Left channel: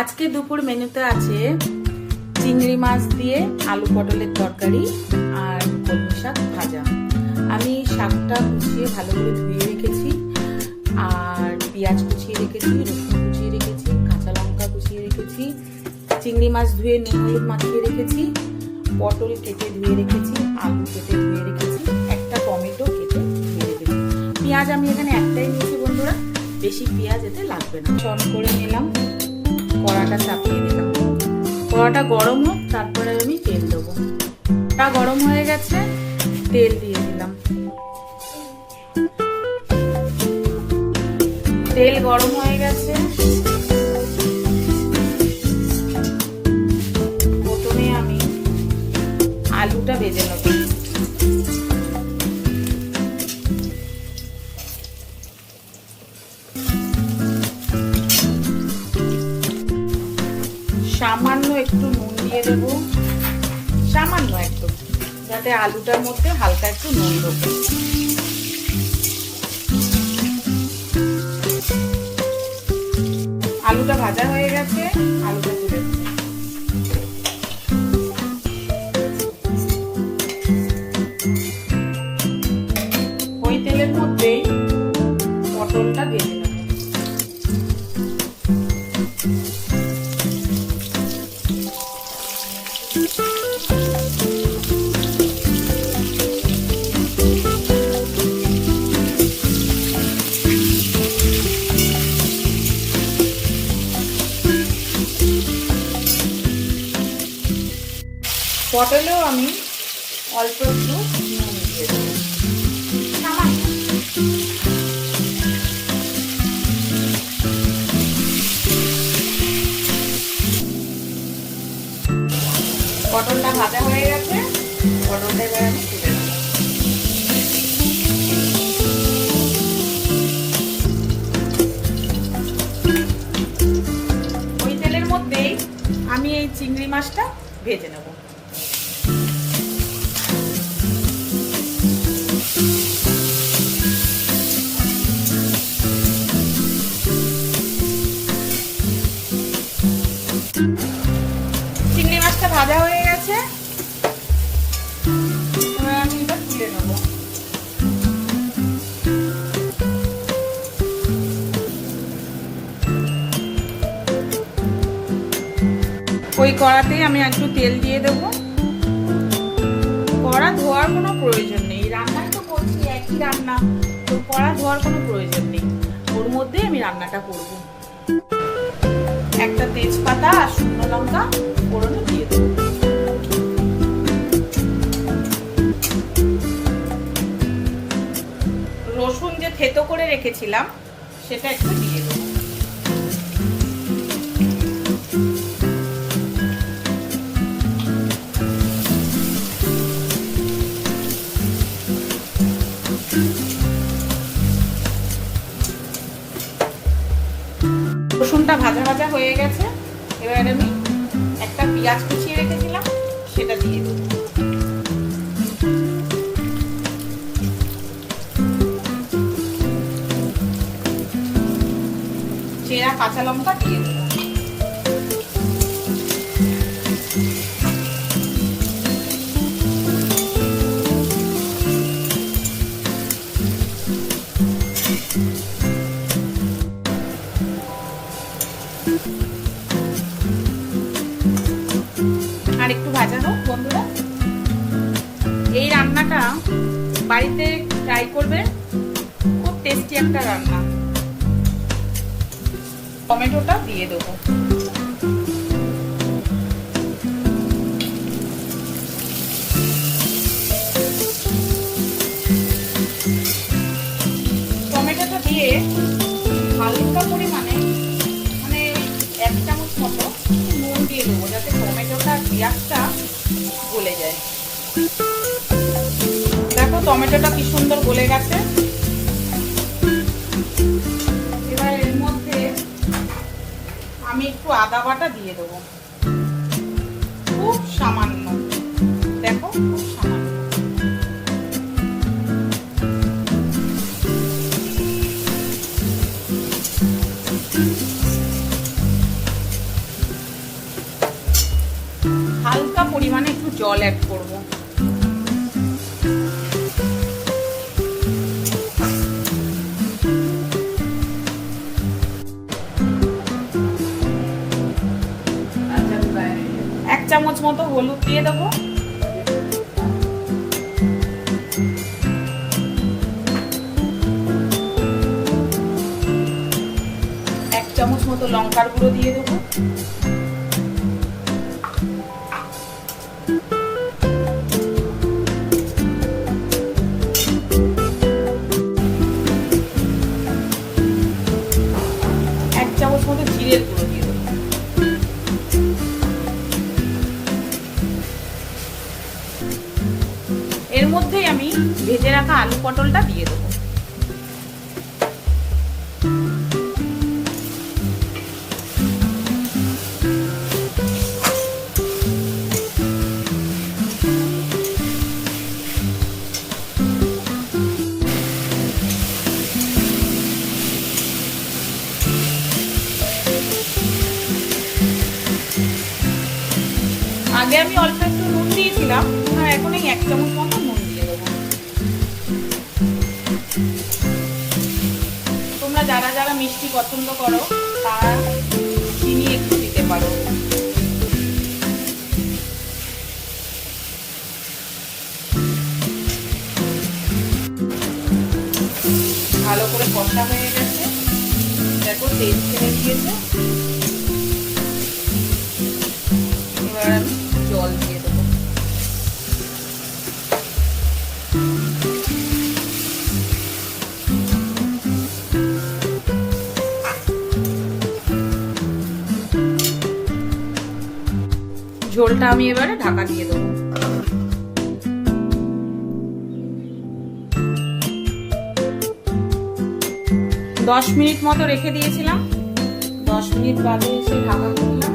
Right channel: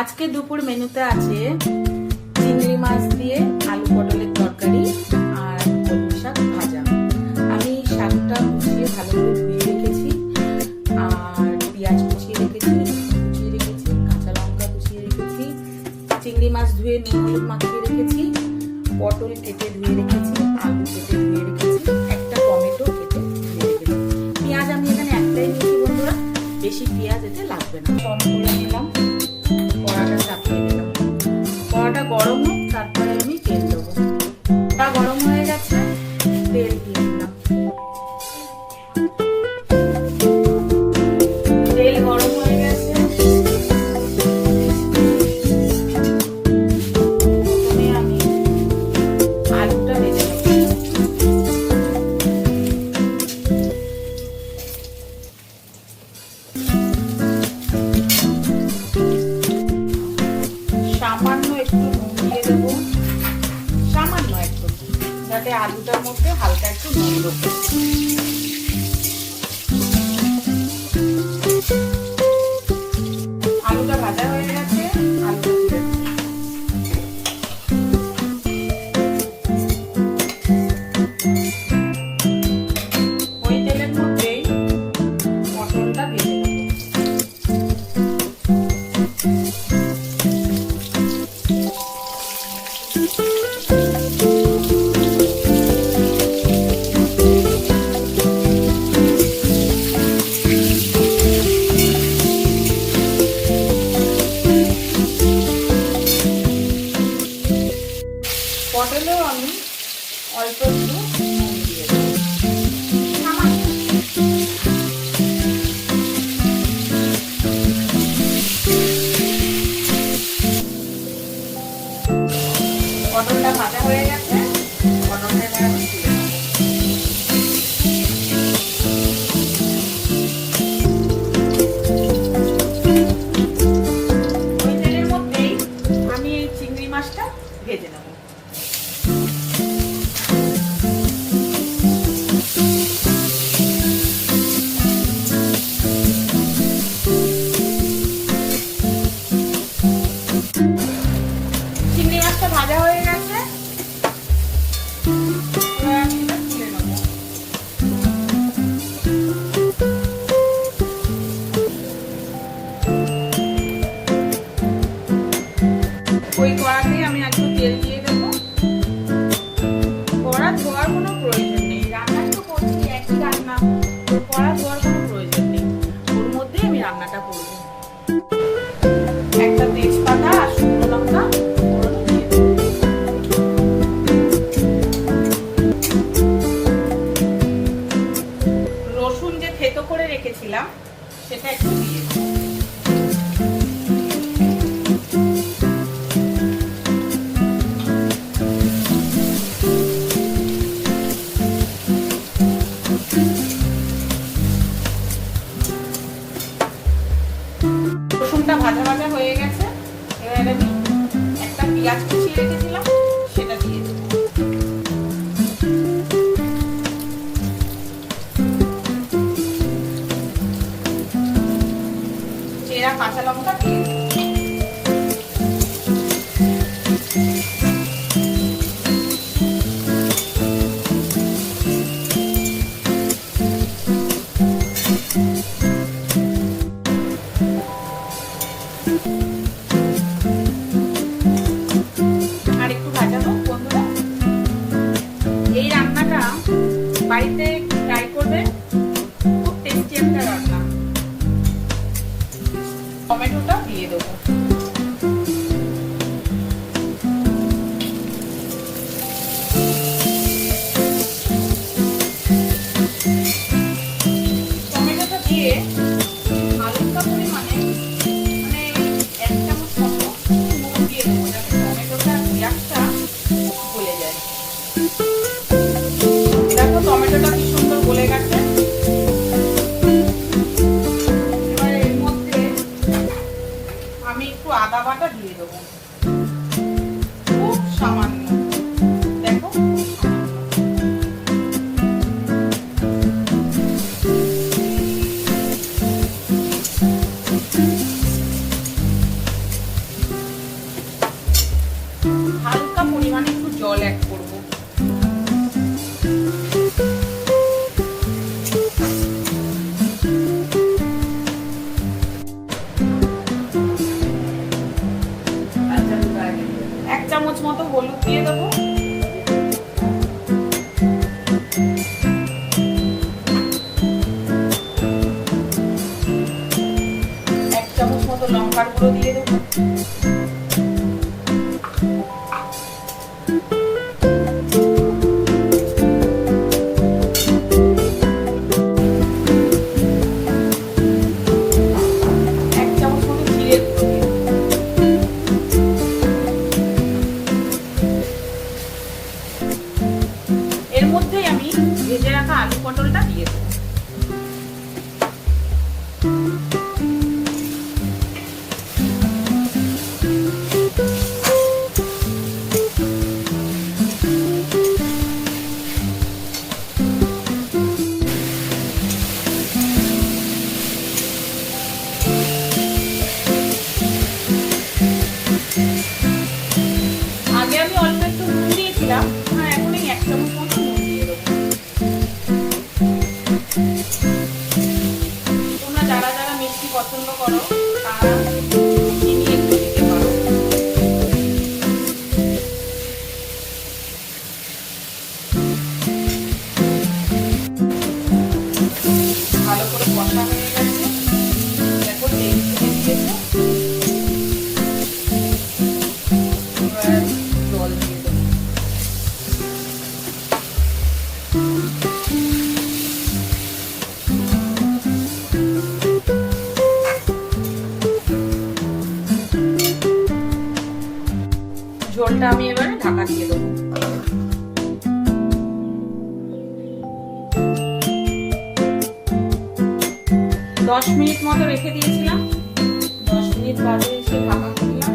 আজকে দুপুর মেনুতে আছে চিংড়ি মাছ দিয়ে আলু পটলের তরকারি আর কলমি শাক ভাজা। আমি শাকটা কুচিয়ে ভালো করে ধুয়ে রেখেছি, আর পেঁয়াজ কুচিয়ে রেখেছি, রসুন কুচিয়ে রেখেছি, কাঁচা লঙ্কা কুচিয়ে রেখেছি, চিংড়ি মাছ ধুয়ে নুন হলুদ মাখিয়ে রেখেছি, পটল কেটে ধুয়ে রেখেছি, আলু কেটে ধুয়ে রেখেছি, একটা টমেটো কেটে ধুয়ে রেখেছি। পেঁয়াজ আমি এখানে একটাই নিয়েছি বন্ধুরা, বেশি পেঁয়াজ এতে লাগবে না। অন করে নিলাম, কড়াটা চাপিয়ে দিলাম, কড়াটা গরম হোক, তারপরে আমি তেল দেবো। কড়া গরম হয়ে গেছে, তেল দিয়ে দিলাম। তেল গরম হয়ে গেছে, প্রথমে আমি আলুটা ভেজে নেব। সামান্য একটু নুন দিয়ে দেবো, সামান্য একটু, যাতে আলুটার মধ্যে হালকা একটু নুন দেবো। আলুটা ভাজা হয়ে গেছে, আলুটা তুলে দেবো। ওই তেলের মধ্যেই পটলটা ভেজে নেবো। পটলেও আমি অল্প একটু দিয়ে দেবো। পটলটা ভাজা হয়ে গেছে, পটলটা এবার আমি তুলে নেব। ওই তেলের মধ্যেই আমি এই চিংড়ি মাছটা ভেজে নেব। চিংড়ি মাছটা ভাজা হয়ে গেছে, এবার আমি এটা তুলে নেব। ওই কড়াতেই আমি একটু তেল দিয়ে দেবো। কড়া ধোয়ার কোনো প্রয়োজন নেই, রান্না তো করছি একই রান্না, কড়া ধোয়ার কোনো প্রয়োজন নেই, ওর মধ্যেই আমি রান্নাটা করবো। একটা তেজপাতা আর শুকনো লঙ্কা ফোড়নে দিয়ে দেবো। রসুন যে থেতো করে রেখেছিলাম সেটা একটু দিয়ে দেবো। রসুনটা ভাজা ভাজা হয়ে গেছে, এবার আমি একটা পেঁয়াজ কুচিয়ে রেখেছিলাম সেটা দিয়ে দেব। চেরা কাঁচা লঙ্কা দিয়ে দেব। আর একটু ভাজানো বন্ধুরা, এই রান্নাটা বাড়িতে ট্রাই করবে, খুব টেস্টি একটা রান্না। টমেটোটা দিয়ে দেবো। টমেটোটা দিয়ে হালকা পরিমাণে মানে 1 চামচ মতো নুন দিয়ে দেবো, যাতে টমেটোটা পেঁয়াজটা গলে যায়। দেখো টমেটোটা কি সুন্দর গলে গেছে। এবার এর মধ্যে আমি একটু আদা বাটা দিয়ে দেবো, খুব সামান্য, দেখো খুব সামান্য। এর মধ্যেই আমি ভেজে রাখা আলু পটলটা দিয়ে দেবো। আগে আমি অল্প একটু নুন দিয়েছিলাম, এখন এই 1 চামচ মতো নুন দিয়ে দেবো। তোমরা যারা যারা মিষ্টি পছন্দ করো তারা চিনি একটু দিতে পারো। ভালো করে কষা হয়ে গেছে, দেখো তেল ছেড়ে দিয়েছে। এবার জল দিয়ে দেবো। ঝোলটা আমি এবারে ঢাকা দিয়ে দেবো। দশ মিনিট মতো রেখে দিয়েছিলাম, 10 মিনিট বাদে এসে ঢাকা খুললাম।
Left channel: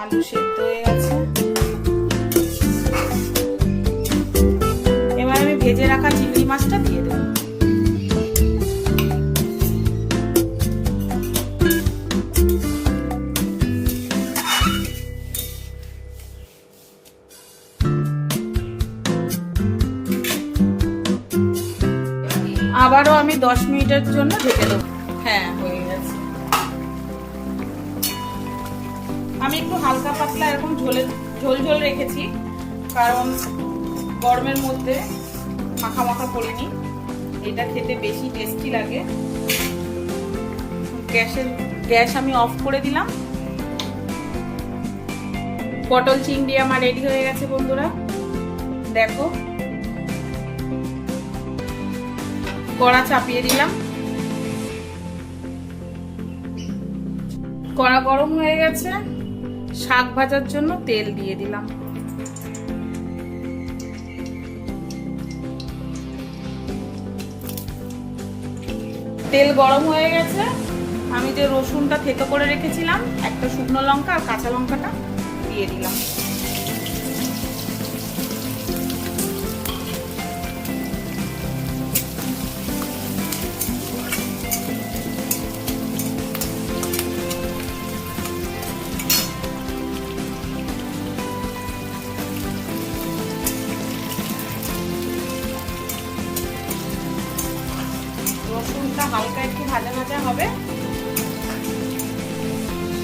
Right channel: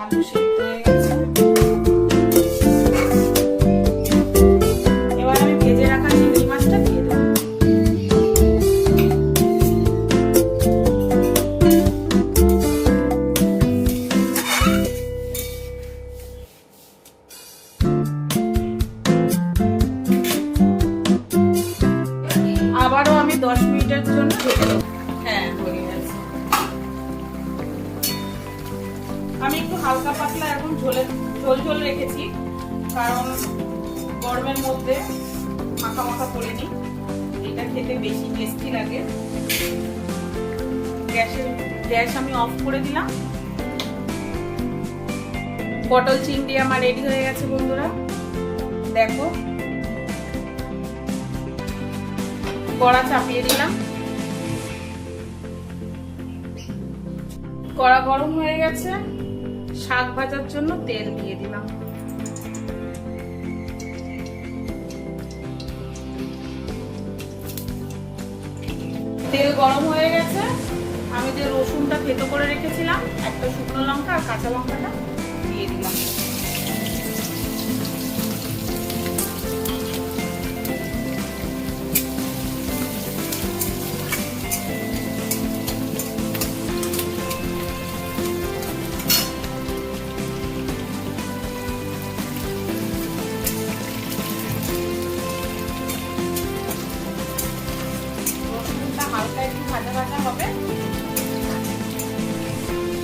আলু সেদ্ধ হয়ে গেছে। এবার আমি ভেজে রাখা চিংড়ি মাছটা দিয়ে দেবো। আবারও আমি 10 মিনিটের জন্য ঢেকে দেবো। হ্যাঁ, হয়ে গেছে। আমি একটু হালকা পাতলা এখন ঝোল ঝোল রেখেছি, কারণ গরমের মধ্যে মাখা মাখা করে নি, এটা খেতে বেশি টেস্টি লাগে। গ্যাস আমি অফ করে দিলাম। পটল চিংড়ি আমার রেডি হয়ে গেছে বন্ধুরা, দেখো। কড়া চাপিয়ে দিলাম, কড়া গরম হয়ে গেছে। শাক ভাজার জন্য তেল দিয়ে দিলাম। তেল গরম হয়ে গেছে। আমি যে রসুনটা থেতো করে রেখেছিলাম, একটা শুকনো লঙ্কা আর কাঁচা লঙ্কাটা দিয়ে দিলাম। রসুনটা হালকা একটু ভাজা ভাজা হবে,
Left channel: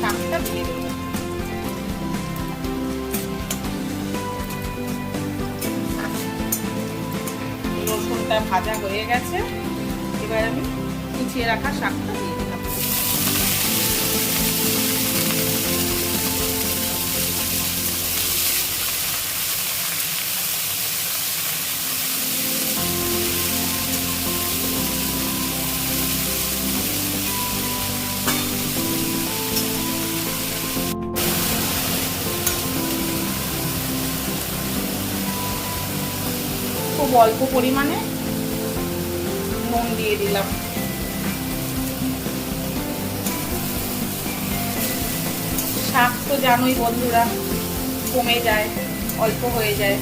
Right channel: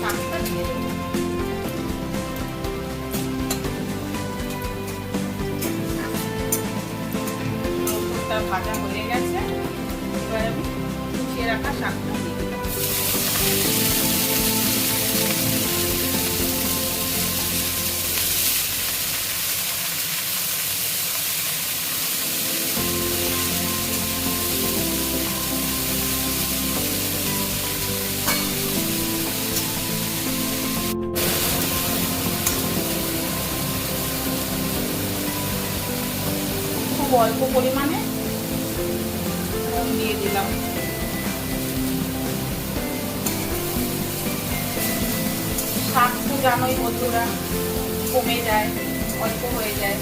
শাকটা দিয়ে দেবো। রসুনটা ভাজা হয়ে গেছে, এবার আমি কুচিয়ে রাখা শাকটা দিয়ে দিলাম। খুব অল্প পরিমাণে নুন দিয়ে দিলাম। শাক তো জানোই বন্ধুরা, কমে যায়, অল্প হয়ে যায়,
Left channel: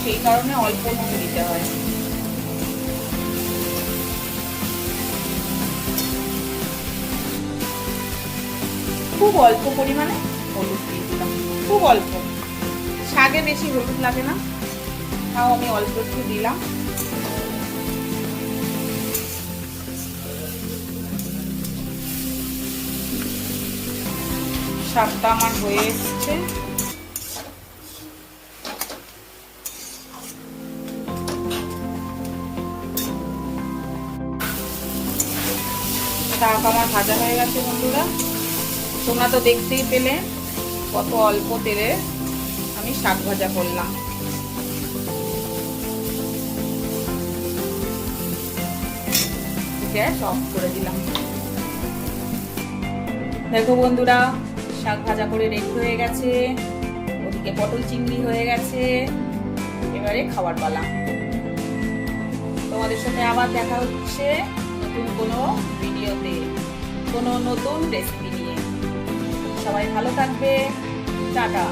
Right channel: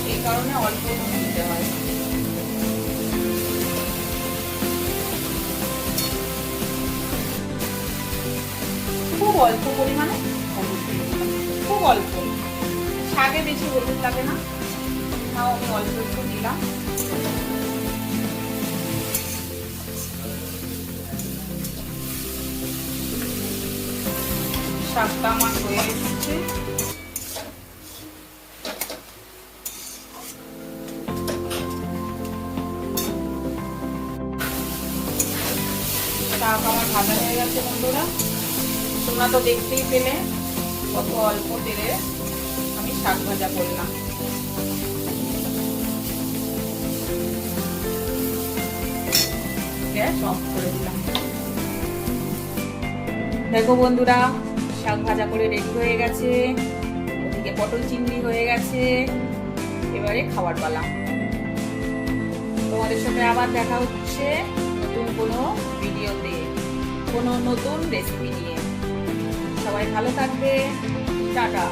সেই কারণে অল্প নুন দিতে হয়। খুব অল্প পরিমাণে হলুদ দিয়ে দিলাম, খুব অল্প। শাকে বেশি হলুদ লাগে না, তাও আমি অল্প একটু দিলাম। শাকটা আমার হয়ে এসেছে। শাক আমার ভাজা হয়ে গেছে বন্ধুরা। তোমরা তো দেখতেই পেলে কত অল্প তেলে আমি শাক ভাজা করলাম। গ্যাস অফ করে দিলাম। দেখো বন্ধুরা, শাক ভাজা করে রেডি হয়ে গেছে, ওদিকে পটল চিংড়ি হয়ে গেছে। এবারে খাবার পালা। তোমাদের সাথে আবার দেখা হচ্ছে নতুন কোনো ভিডিওতে, কোনো নতুন রেসিপি নিয়ে। সবাই ভালো থাকবে, টাটা।